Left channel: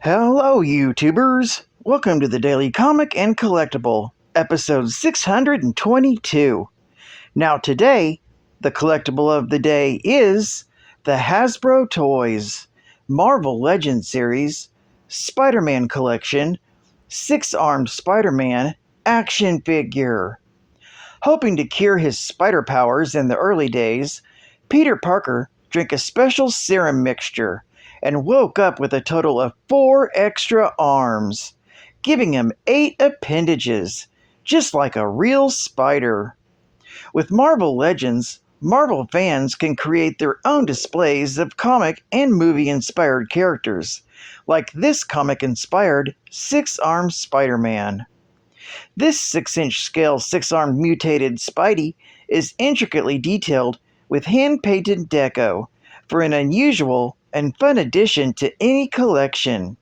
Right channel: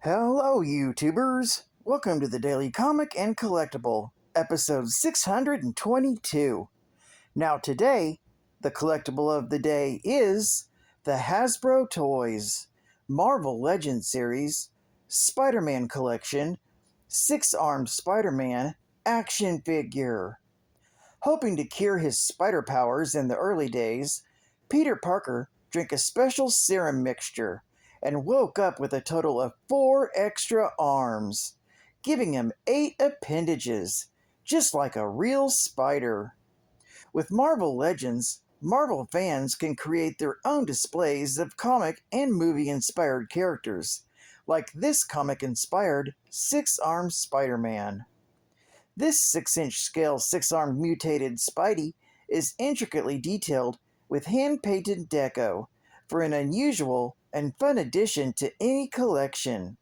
Hello, YouTubers! Welcome to the Daily Comic and Collectible, episode 622. Now today, the collectible of the day is the Hasbro Toys Marvel Legends series Spider-Man collection 6-armed Spider-Man action figure. Hoping to cure his spider powers in the early days, Peter Parker drank a special serum mixture and woke up with a total of 4 extra arms, giving him 8 appendages, just like a real spider. With Marvel Legends, Marvel fans can create their own displays of comic and movie-inspired characters, like this comic-inspired 6-armed Spider-Man. This 6-inch scale 6-armed mutated Spidey is intricately detailed with hand-painted deco for an unusual and fun addition to any collection.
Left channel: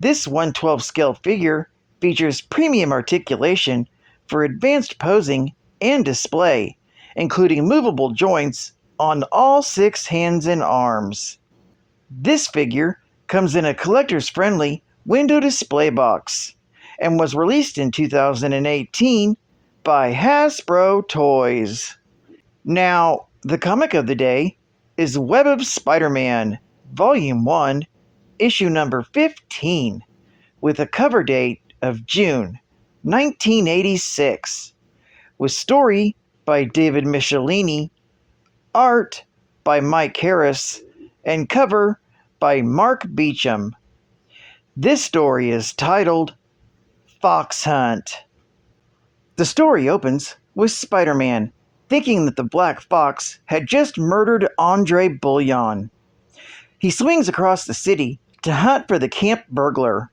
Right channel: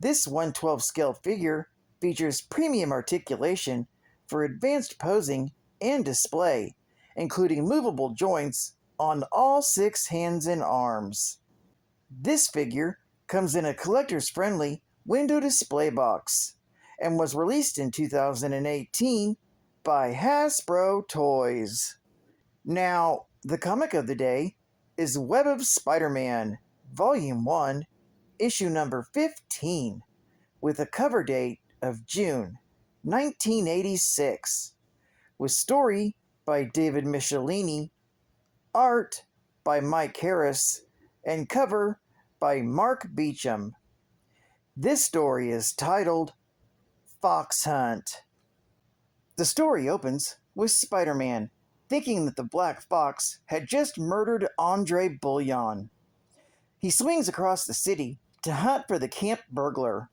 This 1/12 scale figure features premium articulation for advanced posing and display, including movable joints on all 6 hands and arms. This figure comes in a collector's-friendly window display box and was released in 2018 by Hasbro Toys. Now, the comic of the day is Web of Spider-Man, Volume 1, Issue number 15, with a cover date of June 1986, with story by David Michelini, art by Mike Harris, and cover by Mark Beecham. This story is titled Fox Hunt. The story opens with Spider-Man thinking that the Black Fox had just murdered Andre Bullion. He swings across the city to hunt for the camp burglar.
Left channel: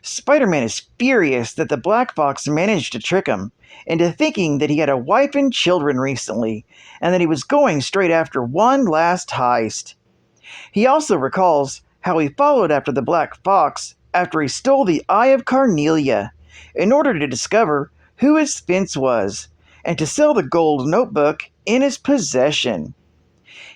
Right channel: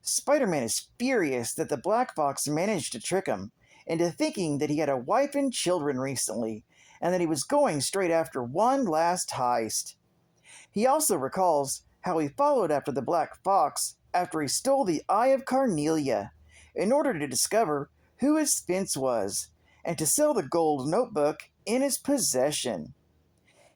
Spider-Man is furious that the Black Fox managed to trick him into thinking that he had a wife and children recently, and that he was going straight after one last heist. He also recalls how he followed after the Black Fox after he stole the Eye of Carnelia in order to discover who his fence was and to sell the gold notebook in his possession.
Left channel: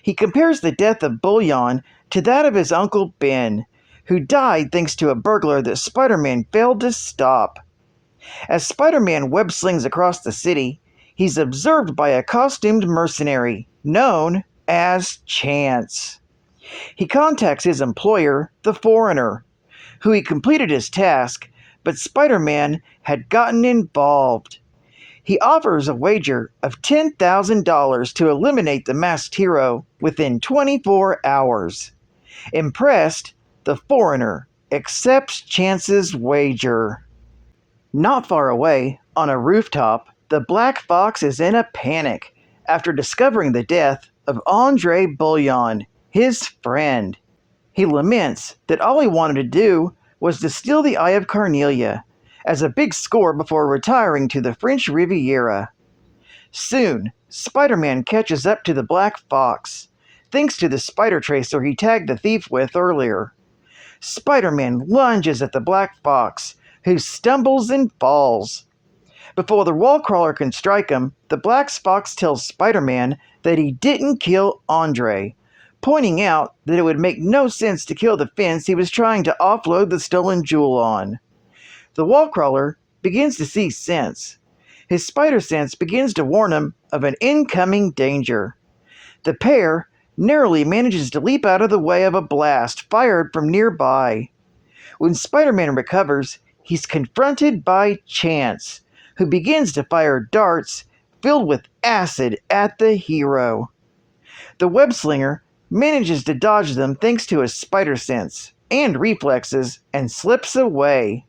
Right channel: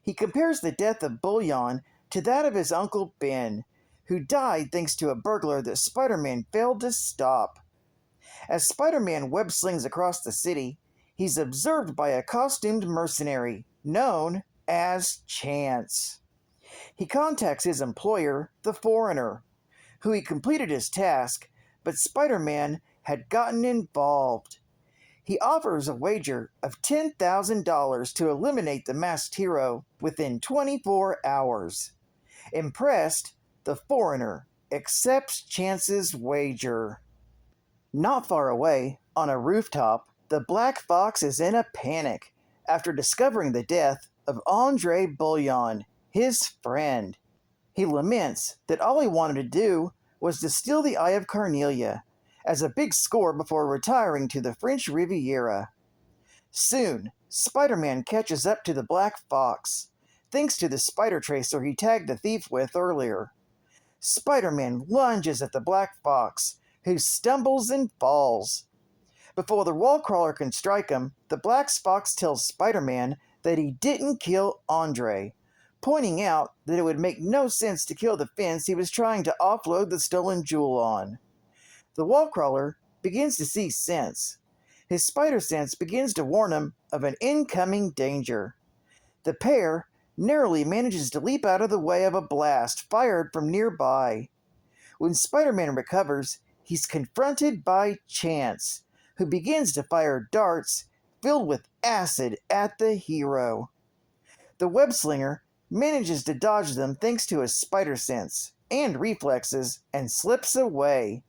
He compares the death of Bullion to that of his Uncle Ben, who died thanks to a burglar that Spider-Man failed to stop. As Spider-Man web slings across the city, he's observed by a costumed mercenary known as Chance. He contacts his employer, the Foreigner, who he completed his task, but Spider-Man had gotten involved. He offers a wager of $10,000 to eliminate the masked hero within 24 hours. Impressed, the Foreigner accepts Chance's wager. Not far away, on a rooftop, the Black Fox is in a panic after discovering the death of Andre Bullion, his friend. He laments that all he wanted to do was to steal the Eye of Carnelia as a big score before retiring to the French Riviera. Soon, Spider-Man catches up to the Black Fox, thanks to the spider tracer he tagged the thief with earlier. Spider-Man lunges at the Black Fox, who stumbles and falls. Before the wall crawler can strike him, the Black Fox tells Spider-Man that he didn't kill Andre, pointing out that it would make no sense to kill the fence he was trying to offload the stolen jewel on. The wall crawler begins to see sense. His spider sense begins to warn him of an incoming danger. The pair narrowly manages to leap out of the way of a blast fired from nearby. When Spider-Man recovers, he's confronted by Chance, who begins to fire darts filled with acid at the hero. The web-slinger manages to dodge them thanks to his spider sense and reflexes and slips away.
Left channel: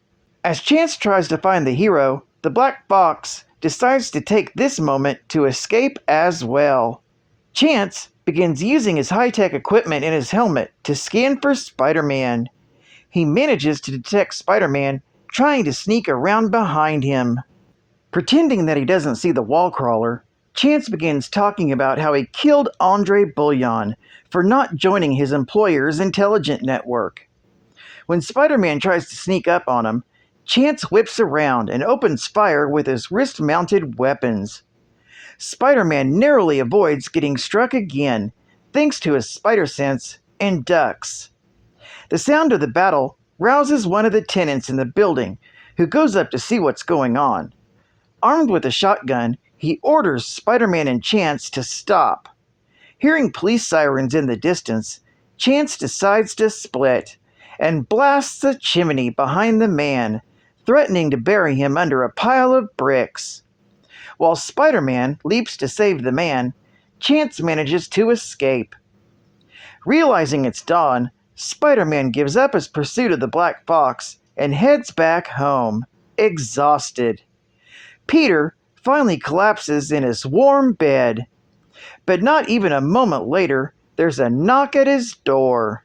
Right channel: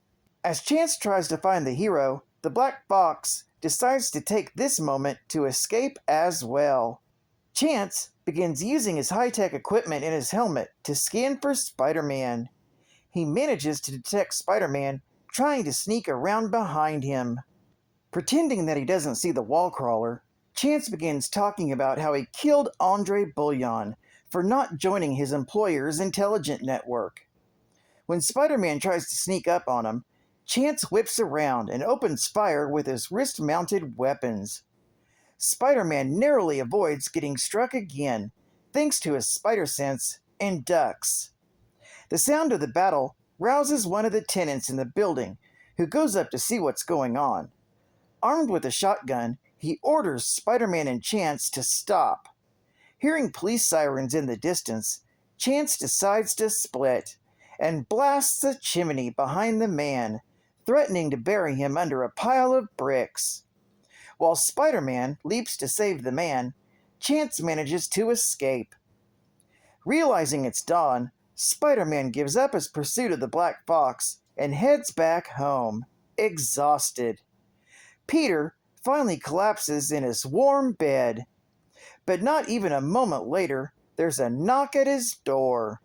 As Chance tries to find the hero, the Black Fox decides to take this moment to escape as well. Chance begins using his high-tech equipment in his helmet to scan for Spider-Man. He manages to detect Spider-Man trying to sneak around behind him. Pretending that he doesn't see the wall crawler, Chance begins talking about how he killed Andre Bullion for not joining his employer's intelligence network. When Spider-Man tries to sneak up on him, Chance whips around and opens fire with his wrist-mounted weapons. Spider-Man narrowly avoids getting struck again, thanks to his spider sense, and ducks. The sound of the battle rouses one of the tenants in the building, who goes up to see what's going on. Armed with a shotgun, he orders Spider-Man and Chance to stop. Hearing police sirens in the distance, Chance decides to split and blasts a chimney behind the man, threatening to bury him under a pile of bricks. While Spider-Man leaps to save the man, Chance manages to escape. Realizing it's dawn, Spider-Man gives up his pursuit of the Black Fox and heads back home, exhausted. Peter finally collapses in his warm bed. But not even a moment later, there's a knock at his door.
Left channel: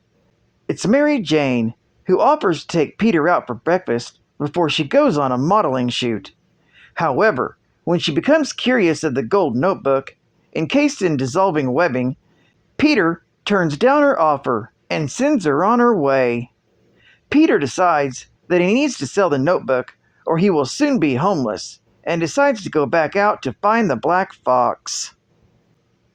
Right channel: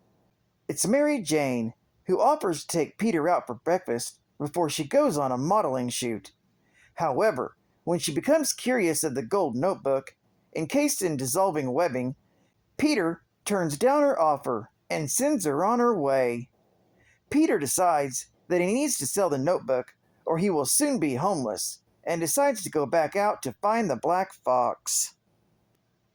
It's Mary Jane, who offers to take Peter out for breakfast before she goes on a modeling shoot. However, when she becomes curious of the gold notebook, encased in dissolving webbing, Peter turns down her offer and sends her on her way. Peter decides that he needs to sell the notebook or he will soon be homeless, and decides to go back out to find the Black Fox.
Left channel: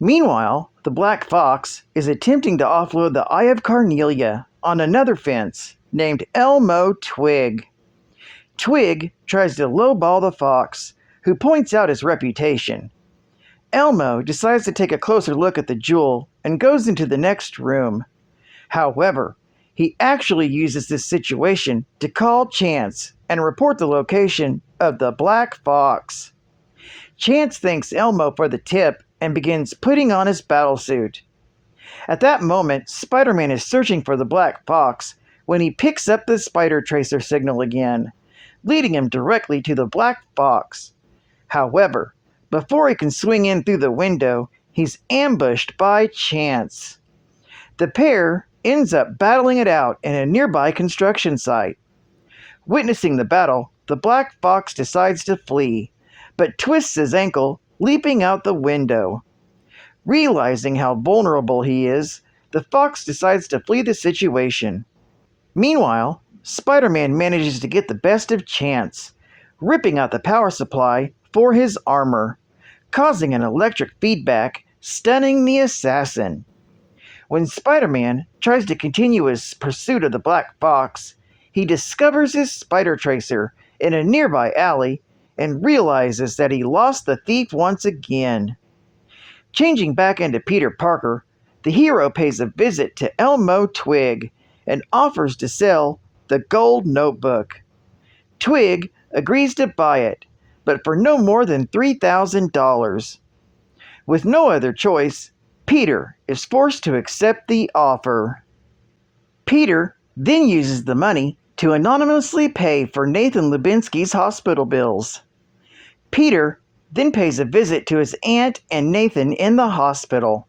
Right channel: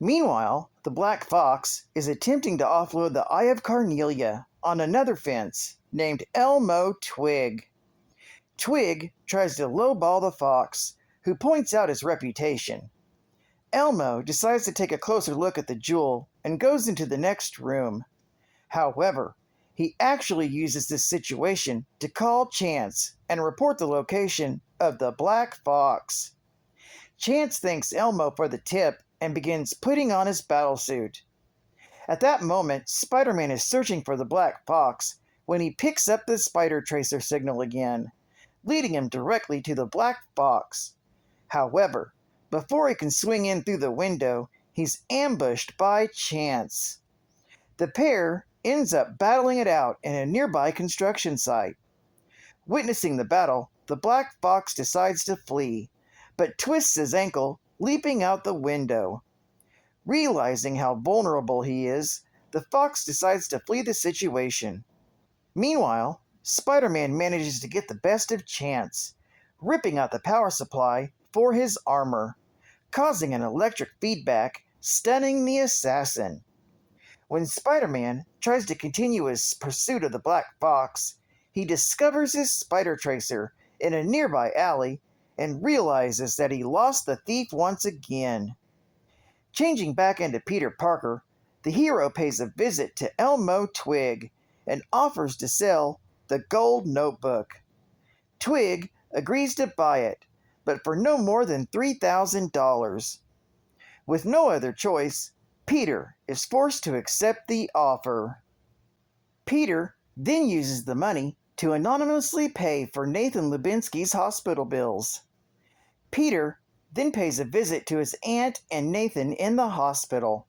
Meanwhile, the Black Fox is attempting to offload the Eye of Carnelia on another fence named Elmo Twig. Twig tries to lowball the fox, who points out his reputation. Elmo decides to take a closer look at the jewel and goes into the next room. However, he actually uses this situation to call Chance and report the location of the Black Fox. Chance thanks Elmo for the tip and begins putting on his battlesuit. At that moment, Spider-Man is searching for the Black Fox when he picks up the spider tracer signal again, leading him directly to the Black Fox. However, before he can swing in through the window, he's ambushed by Chance. The pair ends up battling it out in a nearby construction site. Witnessing the battle, the Black Fox decides to flee, but twists his ankle, leaping out the window. Realizing how vulnerable he is, the fox decides to flee the situation. Meanwhile, Spider-Man manages to get the best of Chance, ripping out the power supply for his armor, causing an electric feedback, stunning the assassin. When Spider-Man tries to continue his pursuit of the Black Fox, he discovers his spider tracer in a nearby alley and realizes that he lost the thief once again. Changing back into Peter Parker, the hero pays a visit to Elmo Twig and offers to sell the gold notebook. Twig agrees to buy it, but for no more than $3,000. With no other choice, Peter is forced to accept the offer. Peter then uses the money to anonymously pay for Nathan Lubinsky's hospital bills. Peter then pays a visit to his aunt and Nathan in the hospital.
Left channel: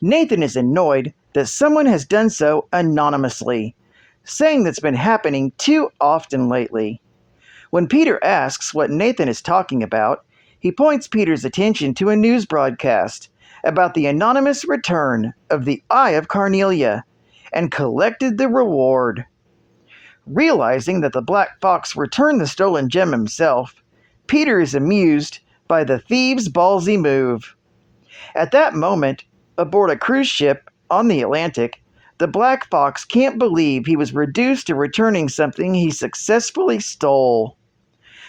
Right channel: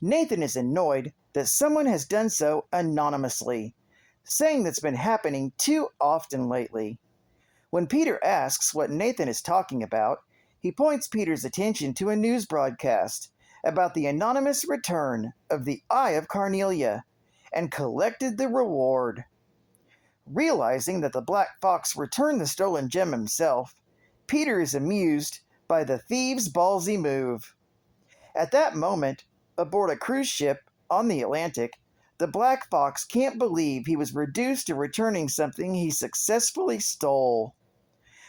Nathan is annoyed that someone has done so anonymously, saying that's been happening too often lately. When Peter asks what Nathan is talking about, he points Peter's attention to a news broadcast about the anonymous return of the Eye of Carnelia and collected the reward. Realizing that the Black Fox returned the stolen gem himself, Peter is amused by the thieves' ballsy move. At that moment, aboard a cruise ship on the Atlantic, the Black Fox can't believe he was reduced to returning something he successfully stole.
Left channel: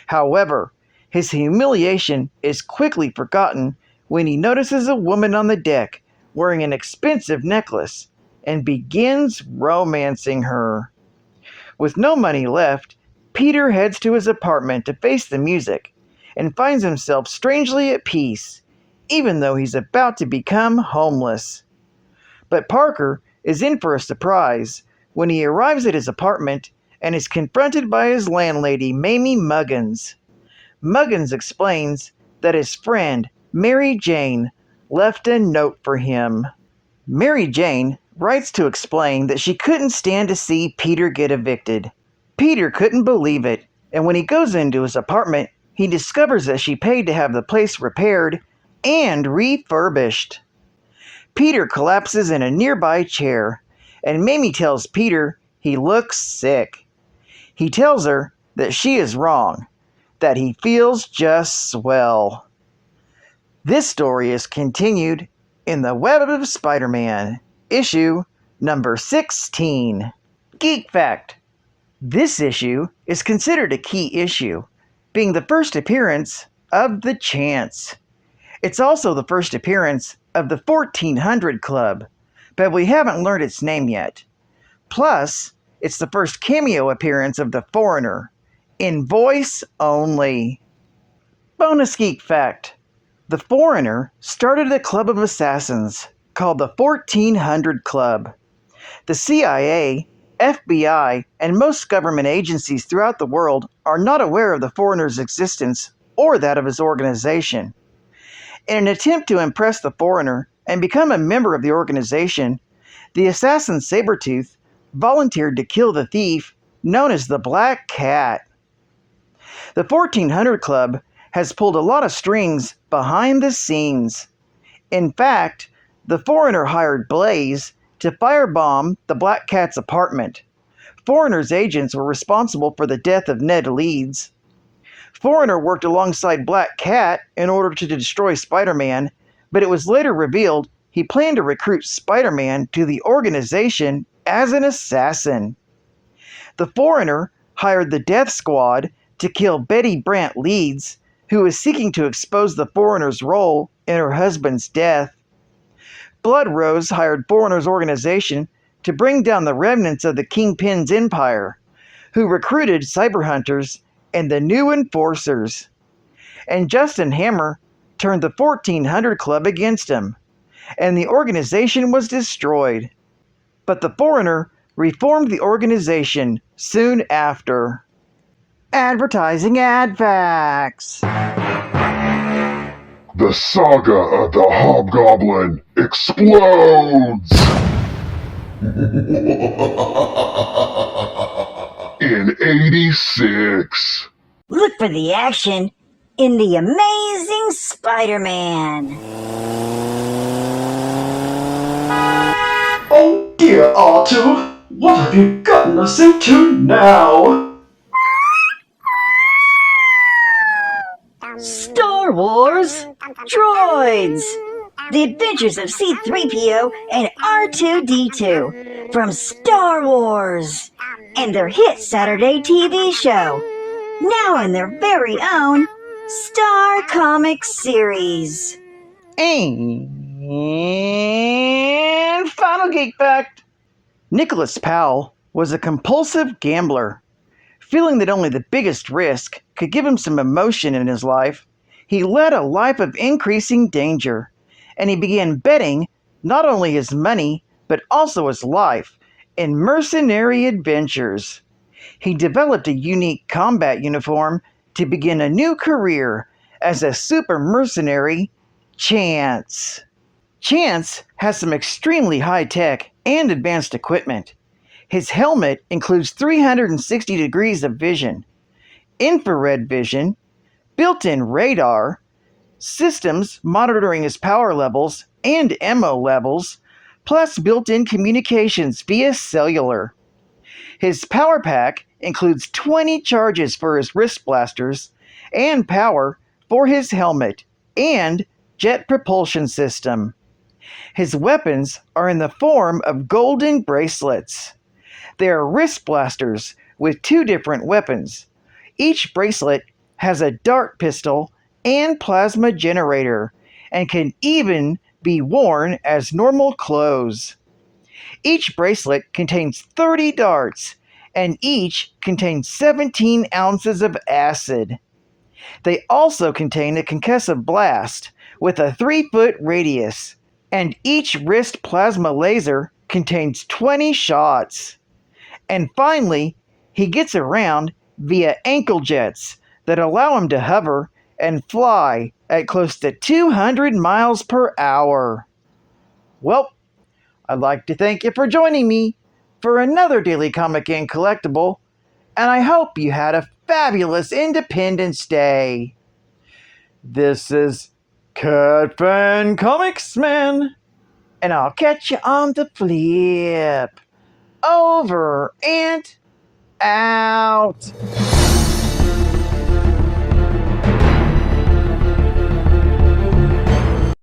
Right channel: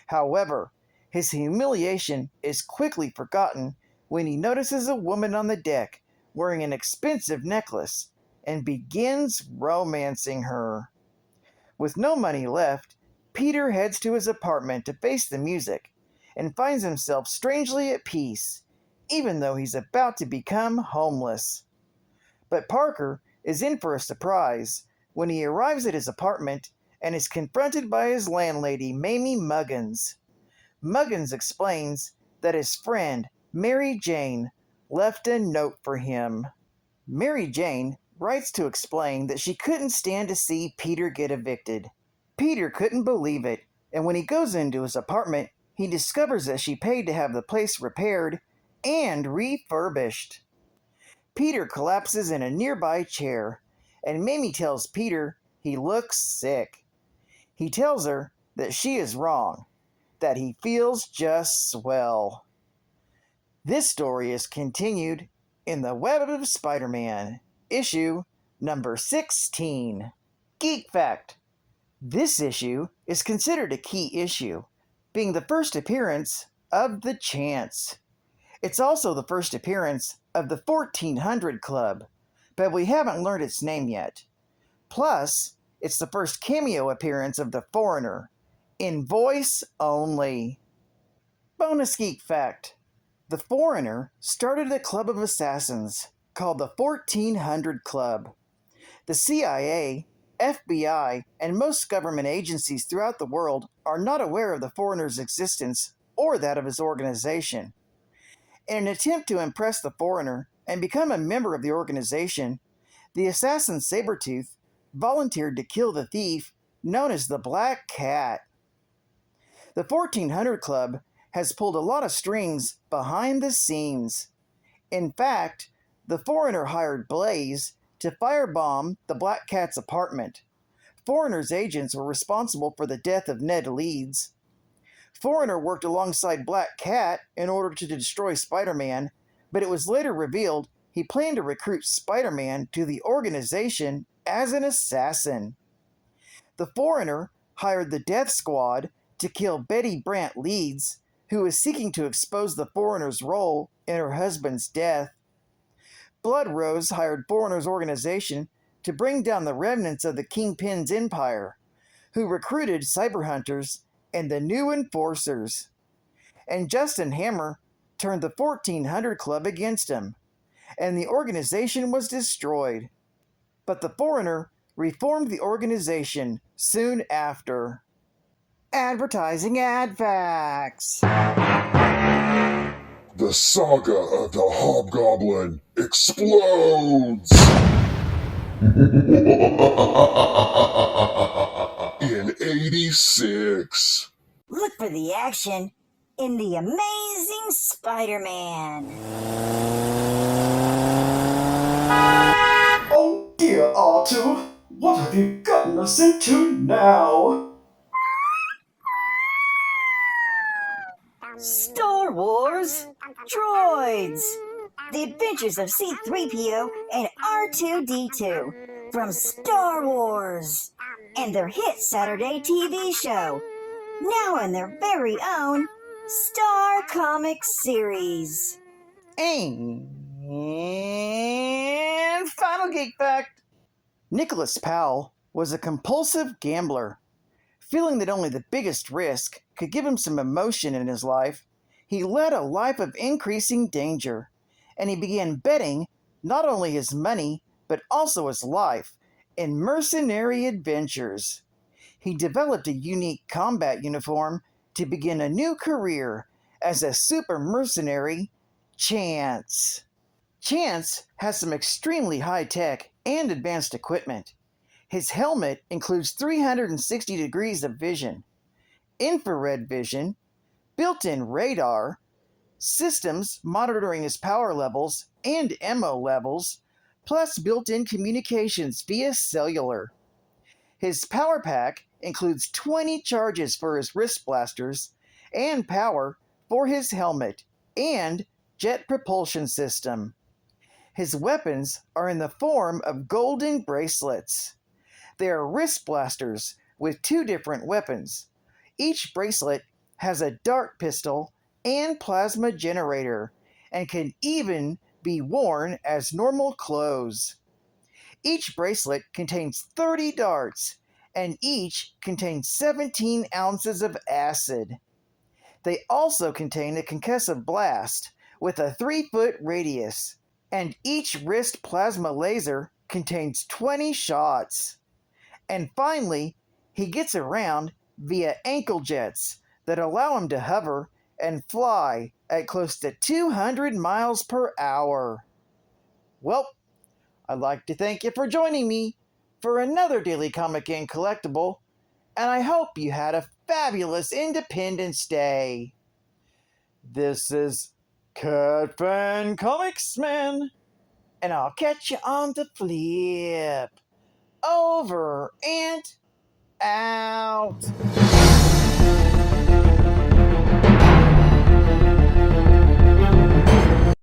However, his humiliation is quickly forgotten when he notices a woman on the deck wearing an expensive necklace and begins romancing her. With no money left, Peter heads to his apartment to face the music and finds himself strangely at peace, even though he's about to become homeless. But Parker is in for a surprise when he arrives at his apartment and is confronted by his landlady, Mamie Muggins. Muggins explains that his friend, Mary Jane, left a note for him. Mary Jane writes to explain that she couldn't stand to see Peter get evicted. Peter couldn't believe it, and when he goes into his apartment, he discovers that she paid to have the place repaired and refurbished. Peter collapses in a nearby chair, and Mamie tells Peter he looks sick. He tells her that she is wrong, that he feels just swell. This story is continued in The Web of Spider-Man, issue number 16. Geek Fact: This issue is considered a key issue, being the first appearance of the Chance. It's also the first appearance of the 1400 Club, but we haven't learned its name yet. Plus, it's the first cameo appearance of the Foreigner, in voice only. Bonus geek fact: the Foreigner started a club of assassins called the 1400 Club. The CIA, FBI, and most government agencies throughout the world are not aware of the Foreigner's existence or that of his organization. In an attempt to impress the Foreigner and become a member of the organization, the assassin Sabretooth volunteered to kill the thief known as the Black Cat. The 1400 Club has pulled a lot of strings behind the scenes. In fact, the Foreigner hired Blaze to firebomb the Black Cat's apartment. Foreigner's agents were responsible for the death of Ned Leeds. Foreigner worked alongside Black Cat in order to destroy Spider-Man, but it was later revealed he planned to recruit Spider-Man to the organization as an assassin. The Foreigner hired the Death Squad to kill Betty Brant Leeds, who was seeking to expose the Foreigner's role in her husband's death. Blood Rose hired Foreigner's organization to bring down the remnants of the Kingpin's empire, who recruited cyber hunters and the new enforcers. And Justin Hammer turned the 1400 Club against him, and the organization was destroyed. But the Foreigner reformed the organization soon after. Advertising ad facts. The saga of the Hobgoblin explodes! In 86. Look for the action in The Amazing Spider-Man. Oh dear, R2, what have you gotten us into now? Star Wars Droids! The Adventures of C-3PO and R2-D2 from Star Wars! And their hit Saturday TV show, now in their very own Star Comics series. And final geek fact: Nicholas Powell was a compulsive gambler. Feeling that only the biggest risk could give him some emotion in his life, he led a life of increasing danger, and he began betting not only his money, but also his life in mercenary adventures. He developed a unique combat uniform to begin a new career as a super mercenary, Chance. Chance has some extremely high-tech and advanced equipment. His helmet includes 360 degrees of vision, infrared vision, built-in radar, systems monitoring his power levels and ammo levels, plus built-in communications via cellular. His power pack includes 20 charges for his wrist blasters and power for his helmet and jet propulsion system. His weapons are in the form of golden bracelets. They are wrist blasters with 2 different weapons. Each bracelet has a dart pistol and plasma generator, and can even be worn as normal clothes. Each bracelet contains 30 darts, and each contains 17 ounces of acid. They also contain a concussive blast with a 3-foot radius, and each wrist plasma laser contains 20 shots. And finally, he gets around via ankle jets that allow him to hover and fly at close to 200 miles per hour. Well, I'd like to thank you for joining me for another Daily Comic and Collectible, and I hope you had a fabulous Independence Day. This is Cat Fan Comics Man, and I'll catch you on the flip. Over and out.